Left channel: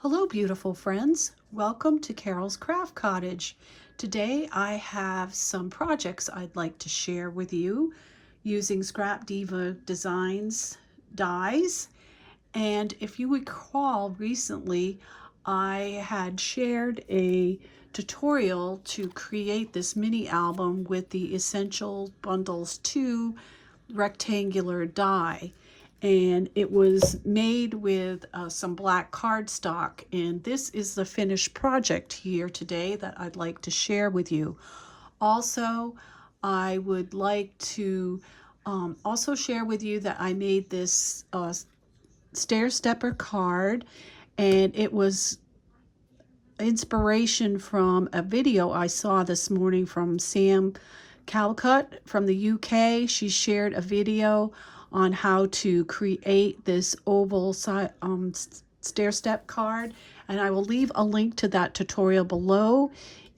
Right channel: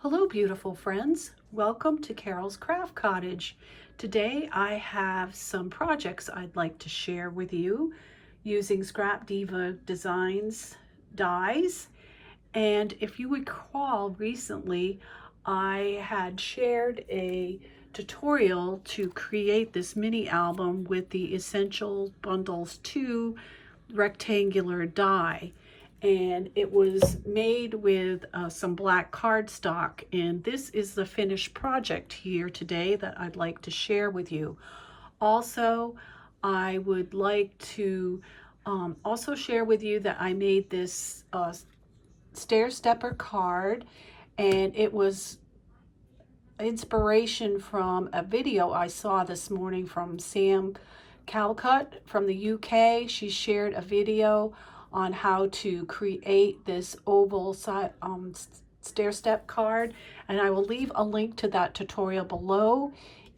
Hello, beautiful friends. Welcome to Carol's Craft Cottage. Today I have some projects I'd like to share with you using Scrapdiva Designs dies. And if you recall, recently I had shared a tutorial to create this mini album with the Essential Bundles 2 rectangular die, and it was made with some black cardstock, and this is the finished project here today that I'd like to share with you. Also, I would like to also share with you that I made this stair stepper card, and it was inspiration from a video I saw this morning from Sam Calcott from the UK. She shared a video on how to create this oval stair step card, and I will leave a link to that tutorial below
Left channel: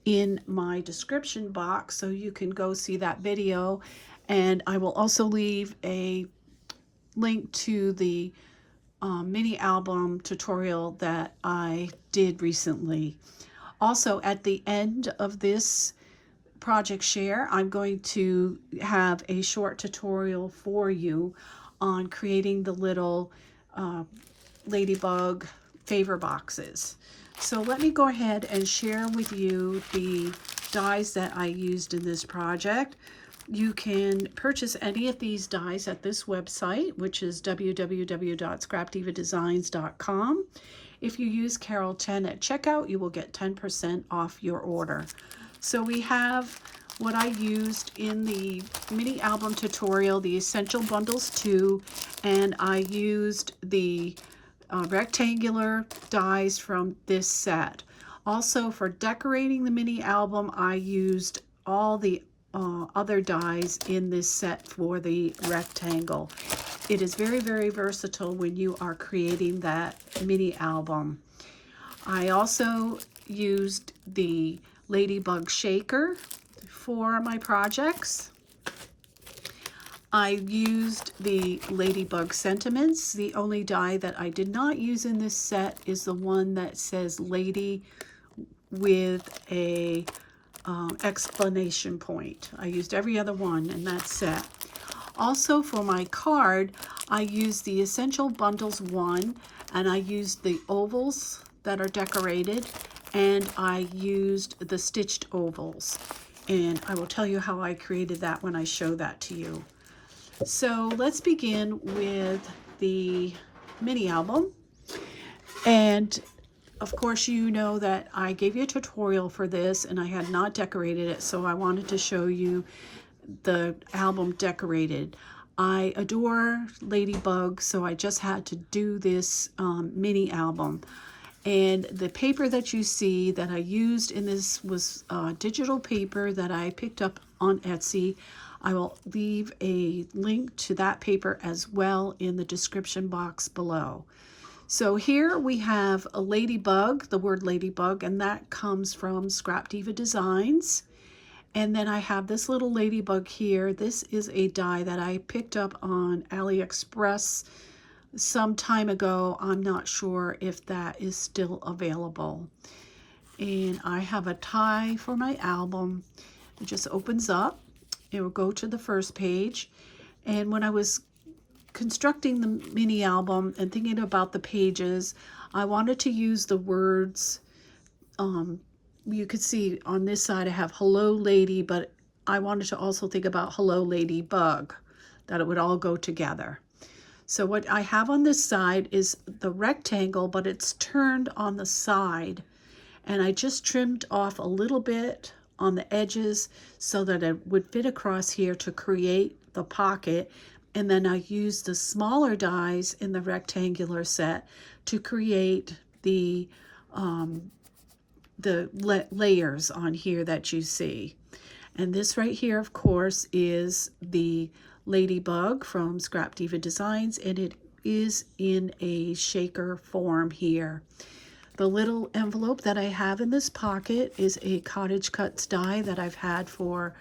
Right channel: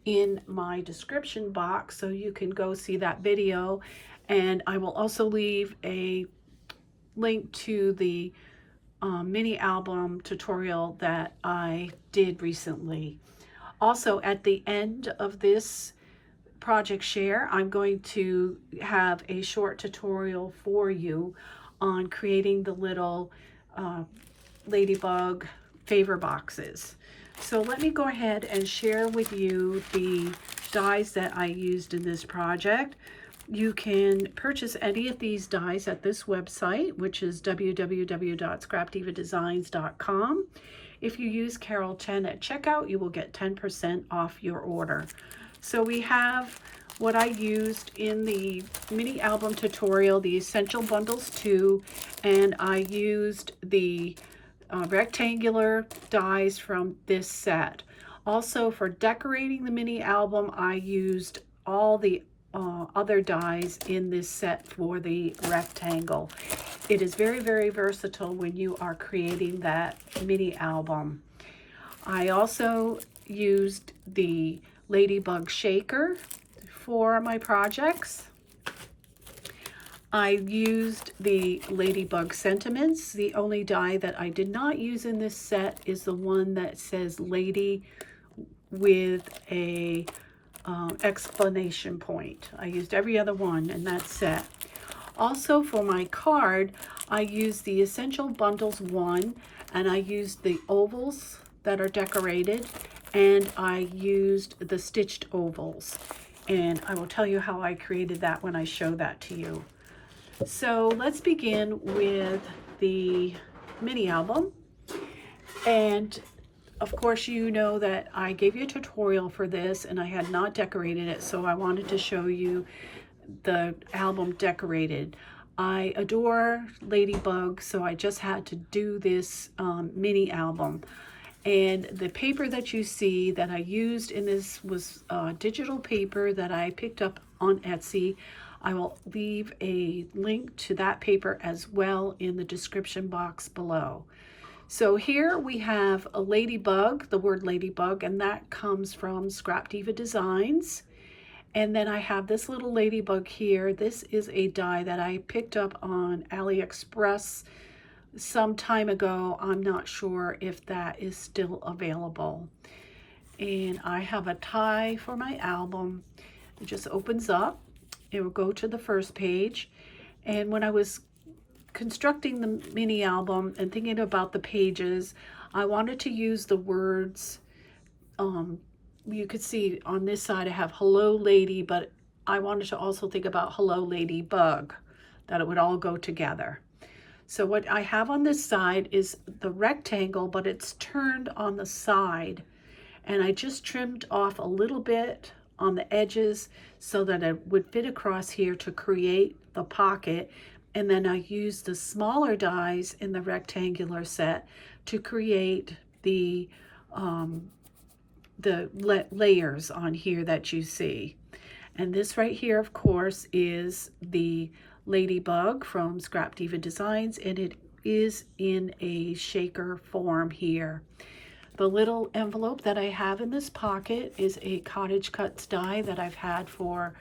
in my description box so you can go see that video, and I will also leave a link to the mini album tutorial that I did recently. Also, at the end of this project share, I'm going to have a short tutorial for you on creating the little Ladybug favor boxes. So let me go ahead and share with you the dies that I used in this project. You can purchase any of these dies at this website, which is www.scrapdivadesigns.com. If you use Carol 10 at checkout, you will get 10% off your order. So we have what I used in the mini album tutorial, the Essential Bundles 2, and I used the rectangular dies from this set. Also, for decorating the mini album, I used all the other dies in this set for the rectangle. It is very, very versatile when you are creating that mini album. I also used the Ladybug Shaker for my projects. I used the Ladybug Sentiments. The only die that I did not use in this set is the one that says Lady with a exclamation point. I used every other one in that set. Also, for my card, I used the Essential Bundles 1, and I used the ovals that are decorated, and I used the stitched ovals. And I will tell you how I created that when I show that to you. So let's begin with the mini album. And of course, you know that I gave you a tutorial for this and I had not decorated it, so I wanted to show you the album decorated. I adore Ladybug, so I just had to do this mini album. And the paper that you see that I used in this was digital paper that I picked up on Etsy. I will leave a link to that paper as well in the description box below. So here we have a ladybug, the word ladybug, and that comes from Scrapdiva Designs. And then I have this little ladybug here. This is a die that I picked up on AliExpress some time ago. I'm not sure if that is still available. And I have a tie for my album. It just opens up. It will go to the first page. And when I was constructing the mini album and thinking about the pages, I wanted to use the words, you could see on this side I have hello lady, but I wanted to also think about hello ladybug, that it would all go together. So what I have on this side is the rectangle, but it's turned on the side, and I just trimmed off a little bit on the edges so that it would fit across here to create the pocket. And then I used the smaller dies in the rectangular set to create the layers on here that you see. And this right here, of course, is the Ladybug from Scrapdiva Designs, and it is in a shaker form here. The little envelope that I have in this pocket is a Cottage Cuts die that I've had for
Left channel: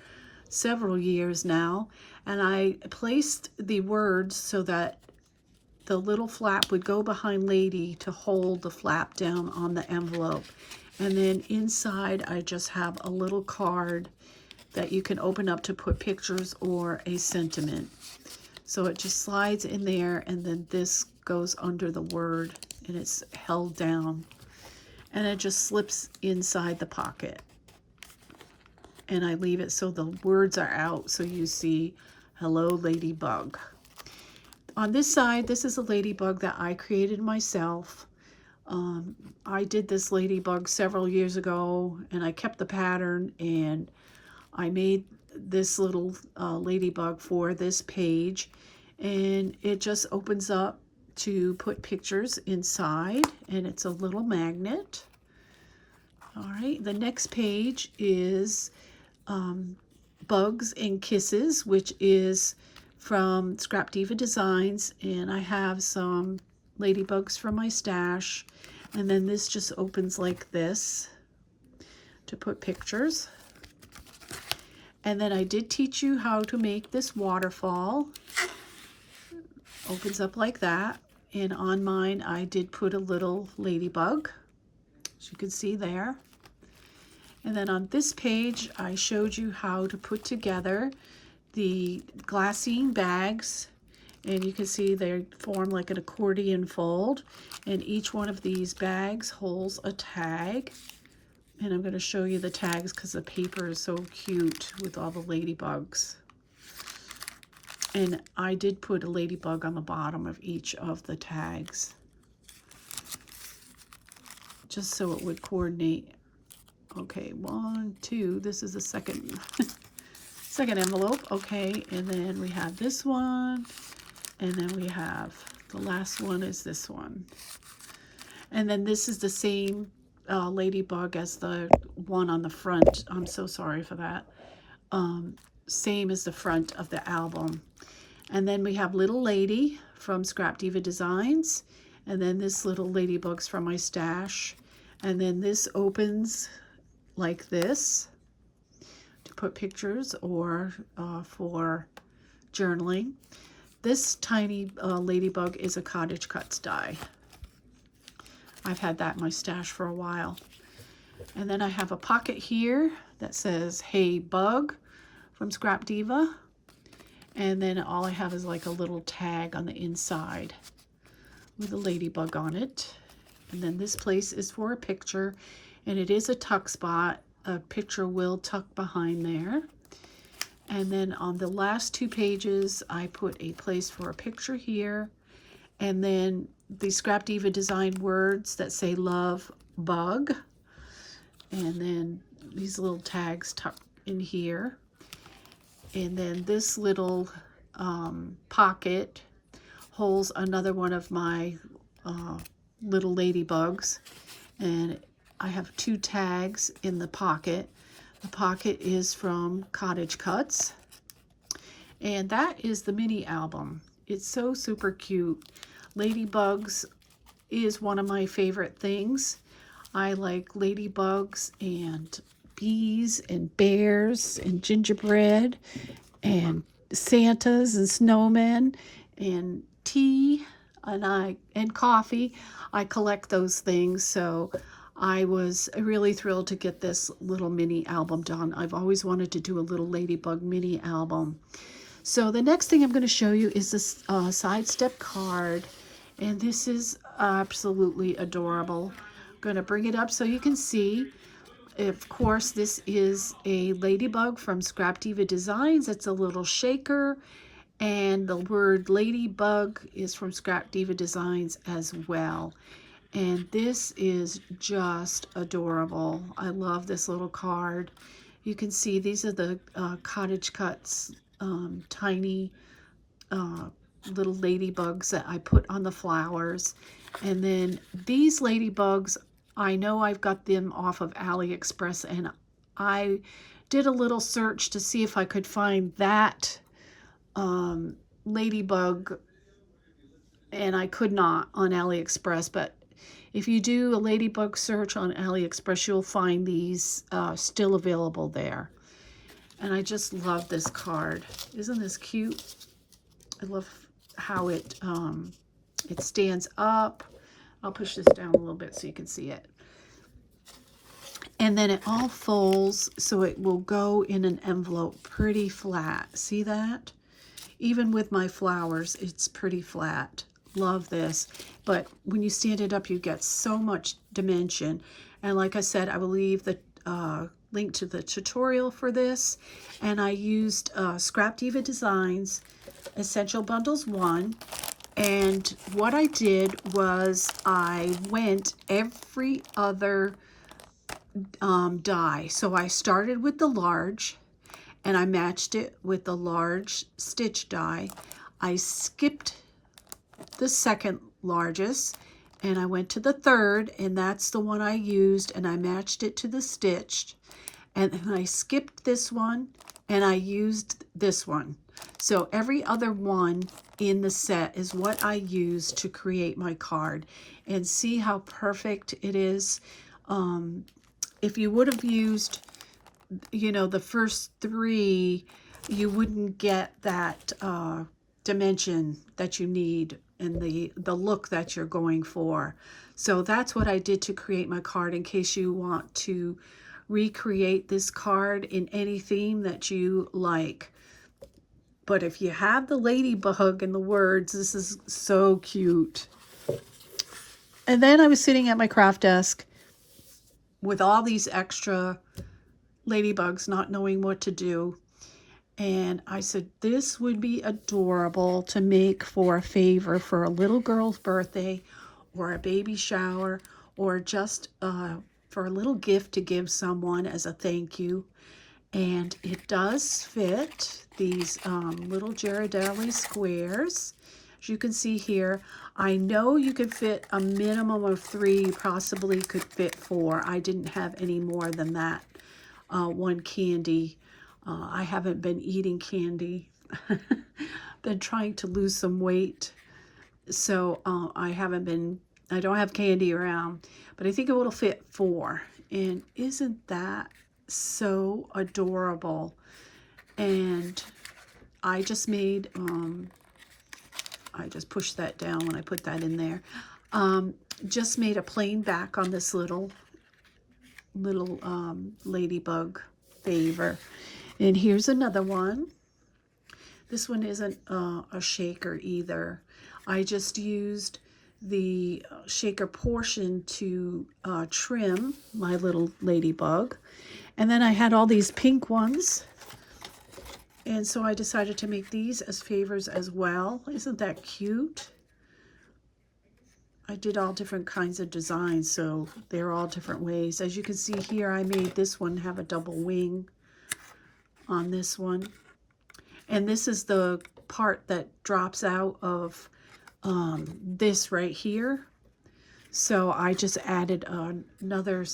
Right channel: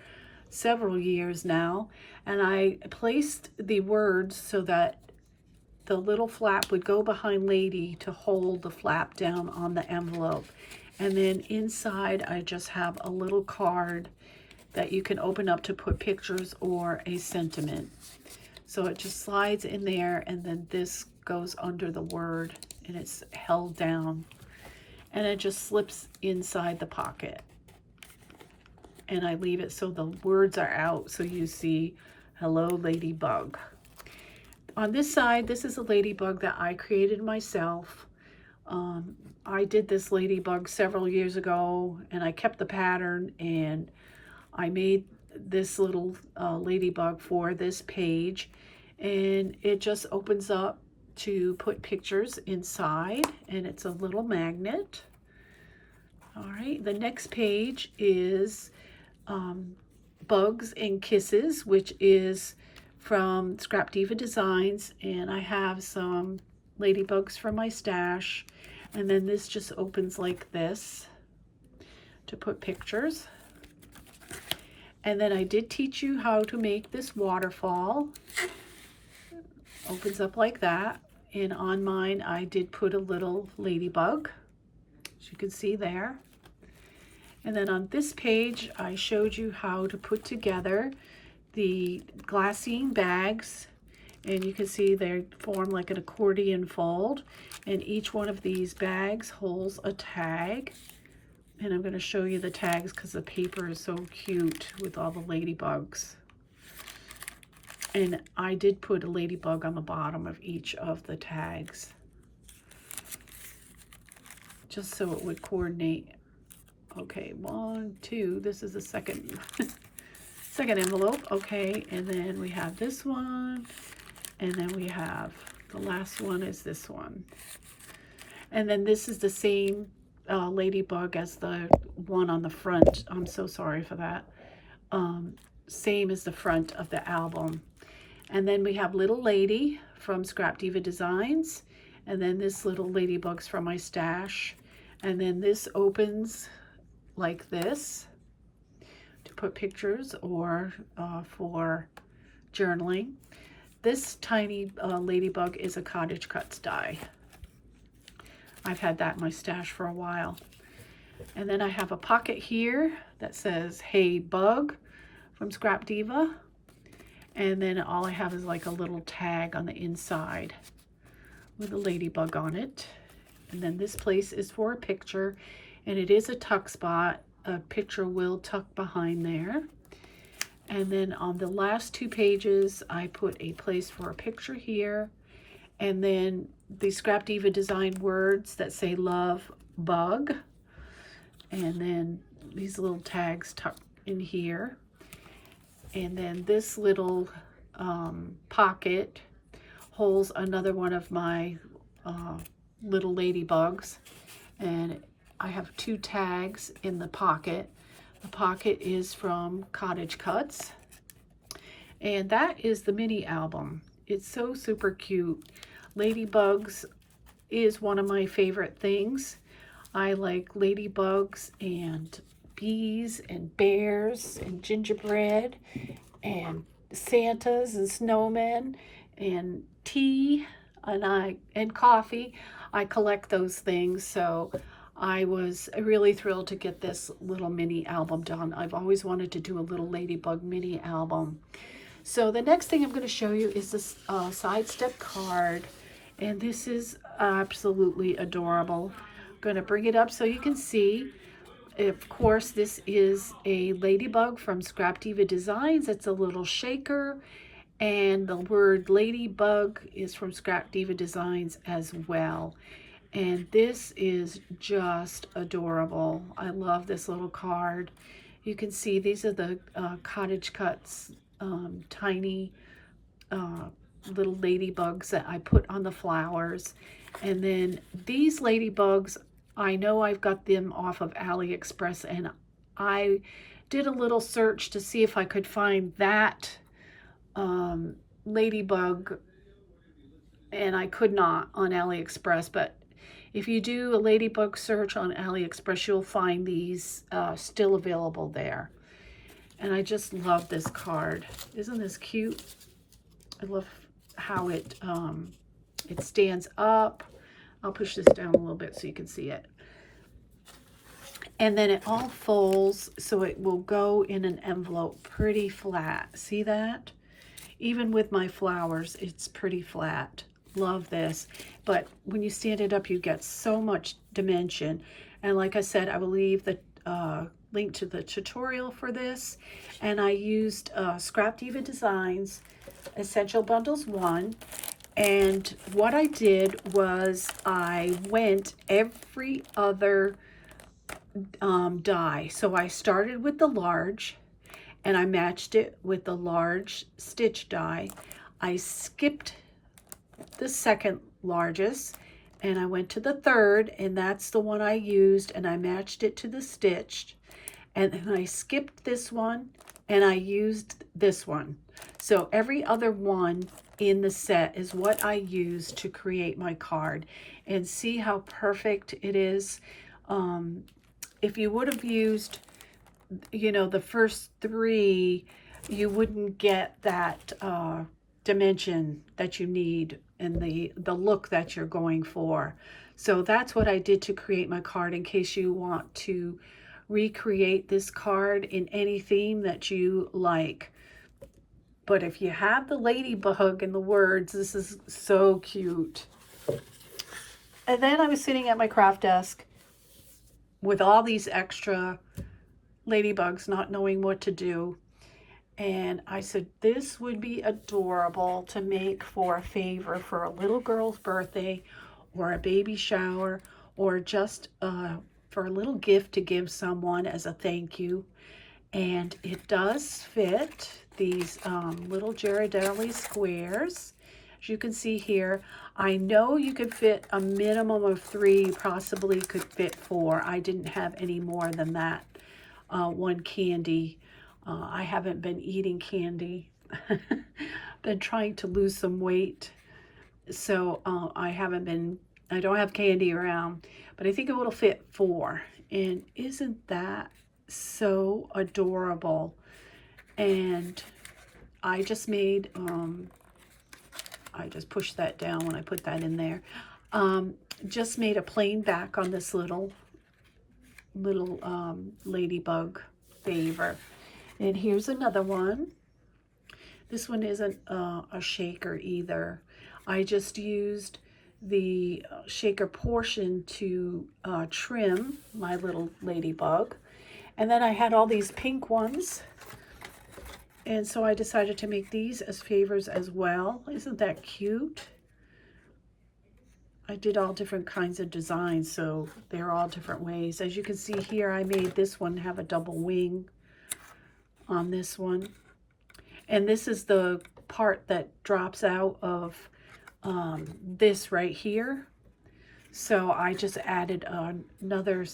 several years now, and I placed the words so that the little flap would go behind Lady to hold the flap down on the envelope. And then inside I just have a little card that you can open up to put pictures or a sentiment. So it just slides in there, and then this goes under the word and it's held down. And it just slips inside the pocket. And I leave it so the words are out, so you see, hello Ladybug. On this side, this is a ladybug that I created myself. I did this ladybug several years ago, and I kept the pattern, and I made this little ladybug for this page, and it just opens up to put pictures inside, and it's a little magnet. All right, the next page is Bugs and Kisses, which is from Scrapdiva Designs, and I have some ladybugs from my stash. And then this just opens like this to put pictures. And then I did teach you how to make this waterfall. Opens up like that. And on mine I did put a little ladybug, as you can see there. And then on this page I showed you how to put together the glassine bags, and you can see they form like an accordion fold, and each one of these bags holds a tag. And I'm going to show you the tags because the paper is so cute with all the ladybugs. And I did put a ladybug on the bottom of each of the tags, just so it would coordinate. Okay, 1, 2, this is the second second envelope. Okay, and then we have this one, and then we have the last one is this one. And then this is the same ladybug as the one on the front. I'm so sorry for that. Same as the front of the album. And then we have Little Lady from Scrapdiva Designs, and then this little ladybug's from my stash. And then this opens like this to put pictures or for journaling. This tiny ladybug is a Cottage Cuts die. I've had that in my stash for a while. And then I have a pocket here that says Hey Bug from Scrapdiva. And then all I have is like a little tag on the inside with a ladybug on it. And then this place is for a picture, and it is a tuck spot. A picture will tuck behind there. And then on the last 2 pages, I put a place for a picture here. And then the Scrapdiva Design words that say Love Bug. And then these little tags tucked in here. And then this little pocket holds another one of my little ladybugs. And I have 2 tags in the pocket. The pocket is from Cottage Cuts. And that is the mini album. It's so super cute. Ladybugs is one of my favorite things. I like ladybugs and bees and bears and gingerbread and Santas and snowmen and tea and coffee. I collect those things, so I was really thrilled to get this little mini album done. I've always wanted to do a little ladybug mini album. So the next thing I'm going to show you is this sidestep card, and this is absolutely adorable. I'm going to bring it up so you can see. Of course, this is a ladybug from Scrapdiva Designs. It's a little shaker, and the word ladybug is from Scrapdiva Designs as well. And this is just adorable. I love this little card. You can see these are the Cottage Cuts tiny little ladybugs that I put on the flowers. And then these ladybugs, I know I've got them off of AliExpress, and I did a little search to see if I could find that ladybug, and I could not on AliExpress. But if you do a ladybug search on AliExpress, you'll find these still available there. And I just love this card. Isn't this cute? I love how it It stands up. I'll push this down a little bit so you can see it. And then it all folds so it will go in an envelope pretty flat. See that? Even with my flowers, it's pretty flat. Love this. But when you stand it up, you get so much dimension. And like I said, I will leave the link to the tutorial for this. And I used Scrapdiva Designs Essential Bundles 1. And what I did was I went every other die. So I started with the large and I matched it with the large stitch die. I skipped the second largest and I went to the third, and that's the one I used, and I matched it to the stitched, and then I skipped this one and I used this one. So every other one in the set is what I used to create my card. And see how perfect it is. If you would have used, you know, the first three, you wouldn't get that dimension that you need and the look that you're going for. So that's what I did to create my card, in case you want to recreate this card in any theme that you like. But if you have the ladybug and the words, this is so cute. And then I was sitting at my craft desk with all these extra ladybugs, not knowing what to do. And I said, this would be adorable to make for a favor for a little girl's birthday or a baby shower, or just for a little gift to give someone as a thank you. And it does fit these little Ghirardelli squares. As you can see here, I know you could fit a minimum of 3, possibly could fit 4. I didn't have any more than that. One candy. I haven't been eating candy. Been trying to lose some weight. So I don't have candy around, but I think it will fit 4. And isn't that so adorable? And I just made, I just pushed that down when I put that in there. Just made a plain back on this little ladybug favor. And here's another one. This one isn't a shaker either. I just used the shaker portion to trim my little ladybug. And then I had all these pink ones. And so I decided to make these as favors as well. Isn't that cute? I did all different kinds of designs, so they're all different ways. As you can see here, I made this one have a double wing on this one. And this is the part that drops out of this right here. So I just added another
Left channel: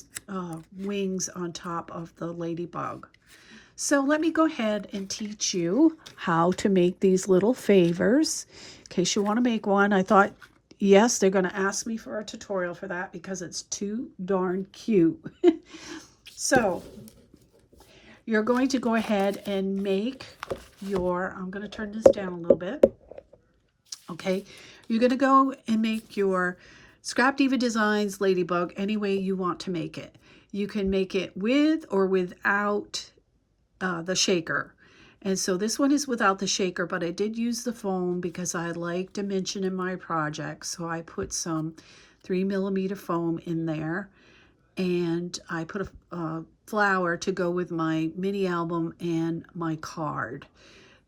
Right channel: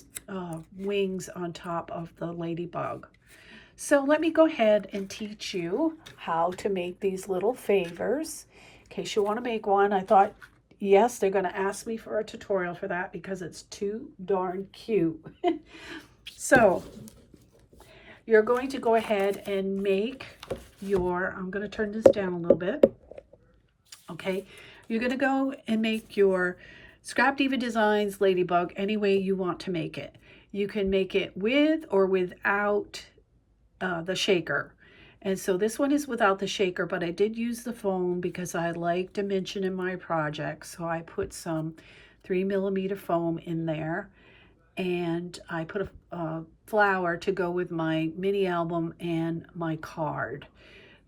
wings on top of the ladybug. So let me go ahead and teach you how to make these little favors. In case you want to make one, I thought, yes, they're going to ask me for a tutorial for that because it's too darn cute. So you're going to go ahead and make your, I'm going to turn this down a little bit. Okay, you're going to go and make your Scrapdiva Designs Ladybug any way you want to make it. You can make it with or without the shaker. And so this one is without the shaker, but I did use the foam because I like dimension in my project. So I put some 3mm foam in there, and I put a flower to go with my mini album and my card,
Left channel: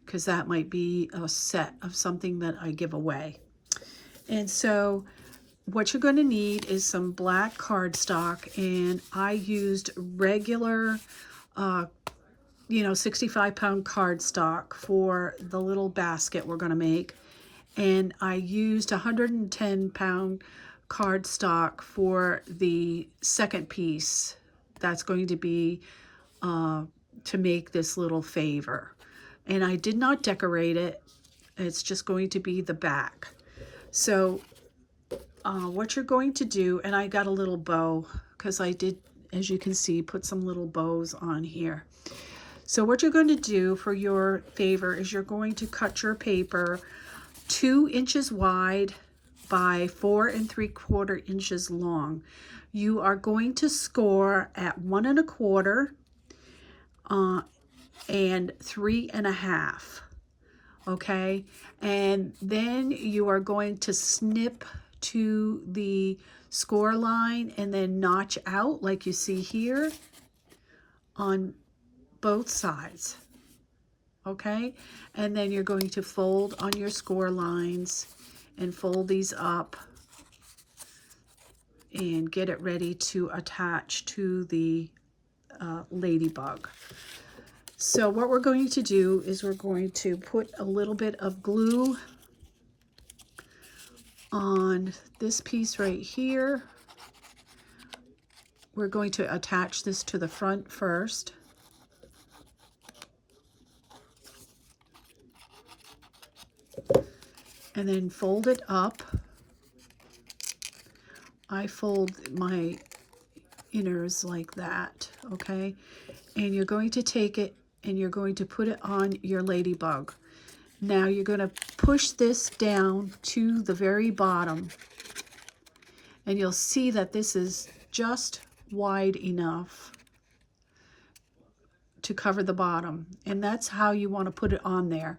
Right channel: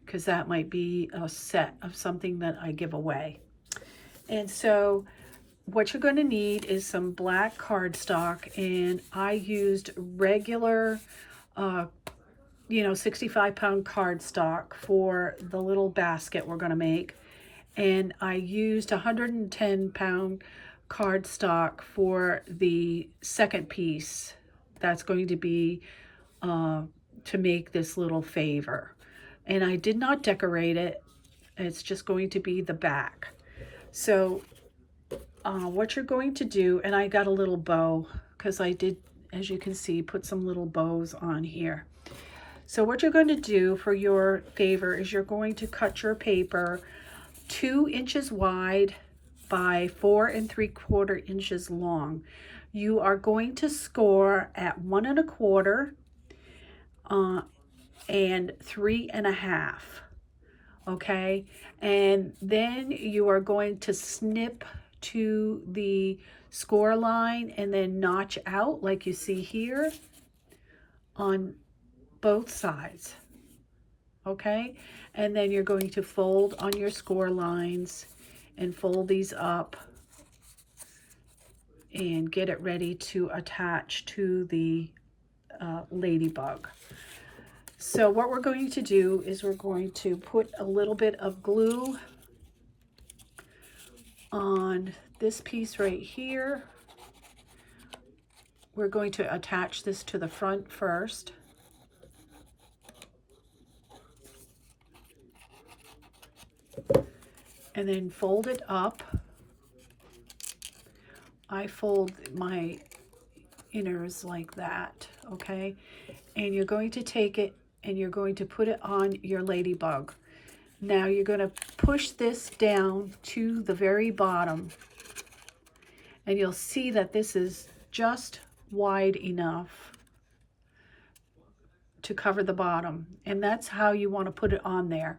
because that might be a set of something that I give away. And so what you're going to need is some black cardstock, and I used regular 65-pound cardstock for the little basket we're going to make, and I used 110-pound cardstock for the second piece that's going to be to make this little favor. And I did not decorate it. It's just going to be the back. So what you're going to do, and I got a little bow because I did, as you can see, put some little bows on here. So what you're going to do for your favor is you're going to cut your paper 2 inches wide by 4 3/4 inches long. You are going to score at 1 1/4 and 3 1/2. Okay, and then you are going to snip to the score line and then notch out like you see here on both sides. Okay, and then you're going to fold on your score lines and fold these up and get it ready to attach to the ladybug. So what we're going to do is we're going to put a little bit of glue on this piece right here. We're going to attach this to the front first. And then fold it up. I fold my inners like that, okay? And you're going to take it and you're going to put it on your ladybug. Now you're going to push this down to the very bottom, and you'll see that this is just wide enough to cover the bottom, and that's how you want to put it on there,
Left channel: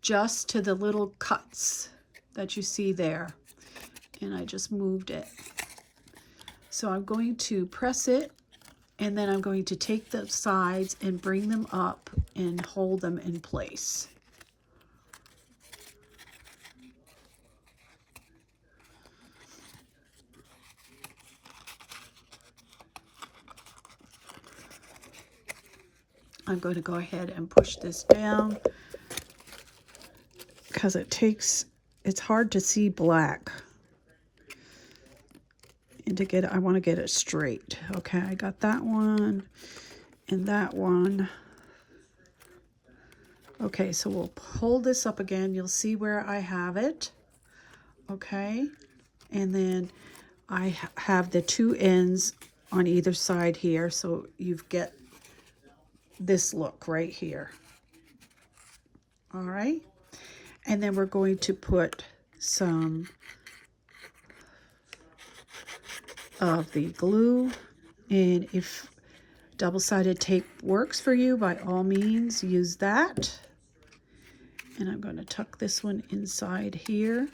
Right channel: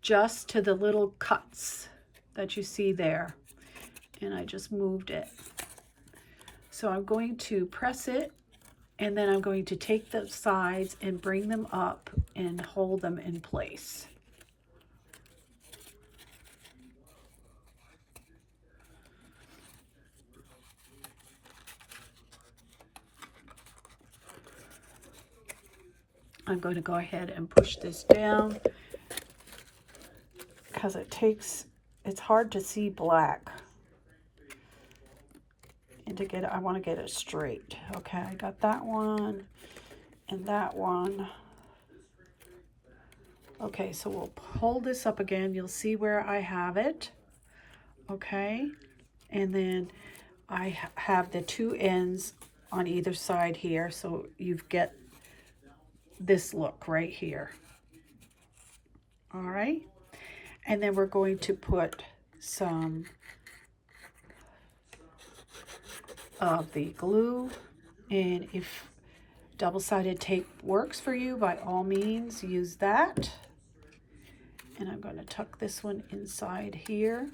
just to the little cuts that you see there. And I just moved it. So I'm going to press it, and then I'm going to take the sides and bring them up and hold them in place. I'm going to go ahead and push this down because it's hard to see black. And to get it, I want to get it straight. Okay, I got that one and that one. Okay, so we'll hold this up again. You'll see where I have it. Okay, and then I have the two ends on either side here, so you get this look right here. All right, and then we're going to put some of the glue, and if double-sided tape works for you, by all means use that. And I'm going to tuck this one inside here,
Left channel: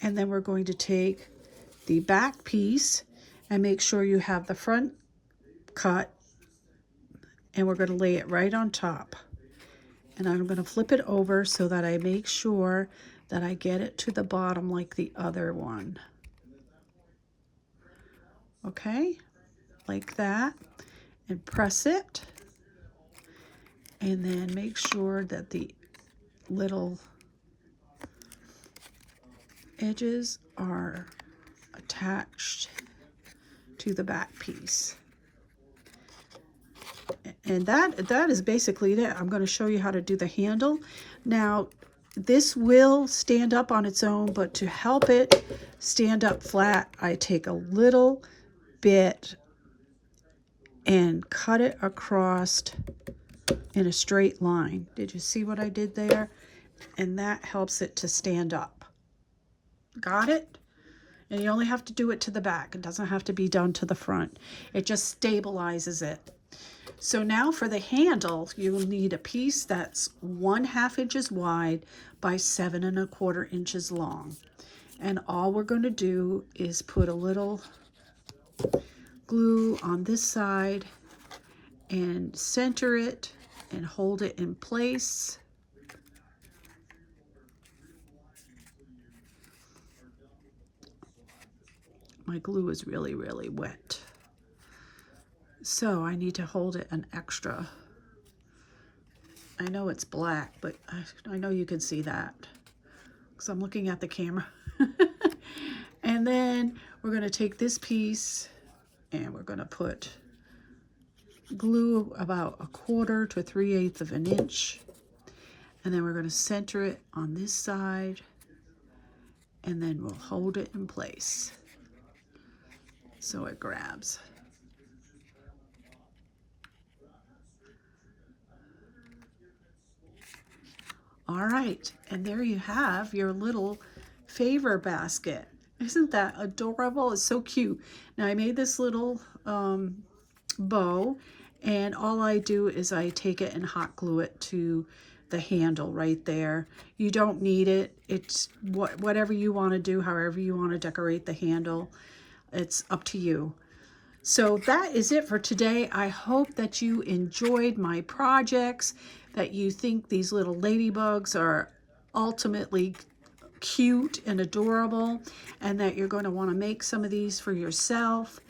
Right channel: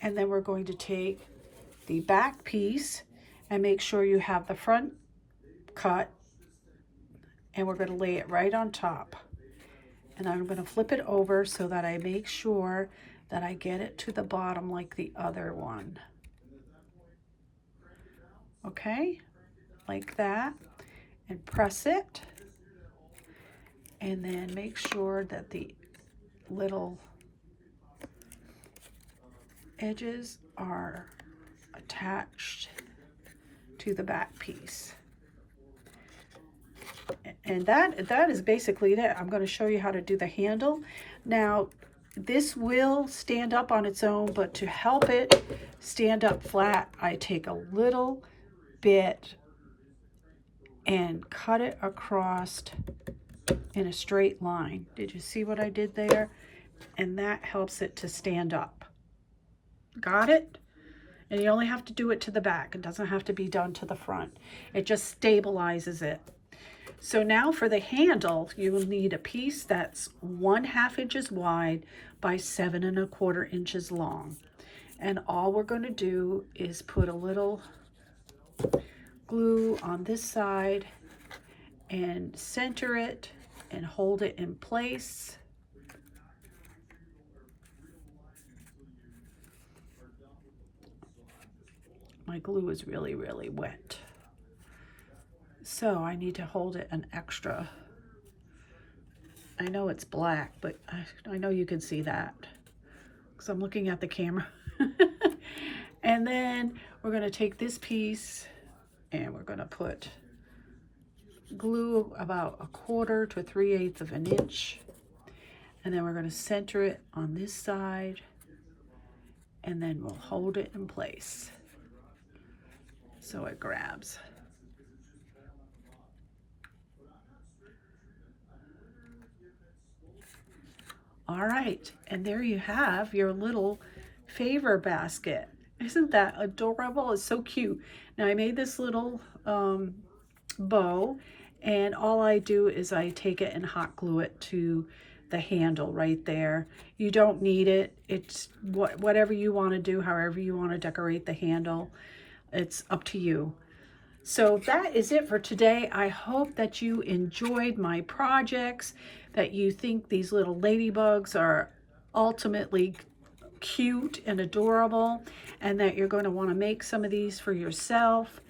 and then we're going to take the back piece and make sure you have the front cut, and we're going to lay it right on top. And I'm going to flip it over so that I make sure that I get it to the bottom like the other one. Okay, like that, and press it, and then make sure that the little edges are attached to the back piece. And that is basically it. I'm going to show you how to do the handle. Now, this will stand up on its own, but to help it stand up flat, I take a little bit and cut it across in a straight line. Did you see what I did there? And that helps it to stand up. Got it? And you only have to do it to the back. It doesn't have to be done to the front. It just stabilizes it. So now for the handle, you will need a piece that's 1/2 inches wide by 7 1/4 inches long. And all we're going to do is put a little glue on this side and center it and hold it in place. My glue is really, really wet, so I need to hold it an extra. I know it's black, but I know you can see that because I'm looking at the camera. And then we're going to take this piece and we're going to put glue about 1/4 to 3/8 of an inch, and then we're going to center it on this side, and then we'll hold it in place so it grabs. All right, and there you have your little favor basket. Isn't that adorable? It's so cute. Now I made this little bow, and all I do is I take it and hot glue it to the handle right there. You don't need it. It's whatever you want to do, however you want to decorate the handle. It's up to you. So that is it for today. I hope that you enjoyed my projects, that you think these little ladybugs are ultimately cute and adorable, and that you're going to want to make some of these for yourself.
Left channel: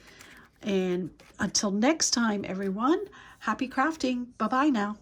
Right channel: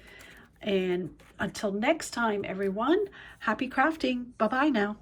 And until next time, everyone, happy crafting. Bye-bye now.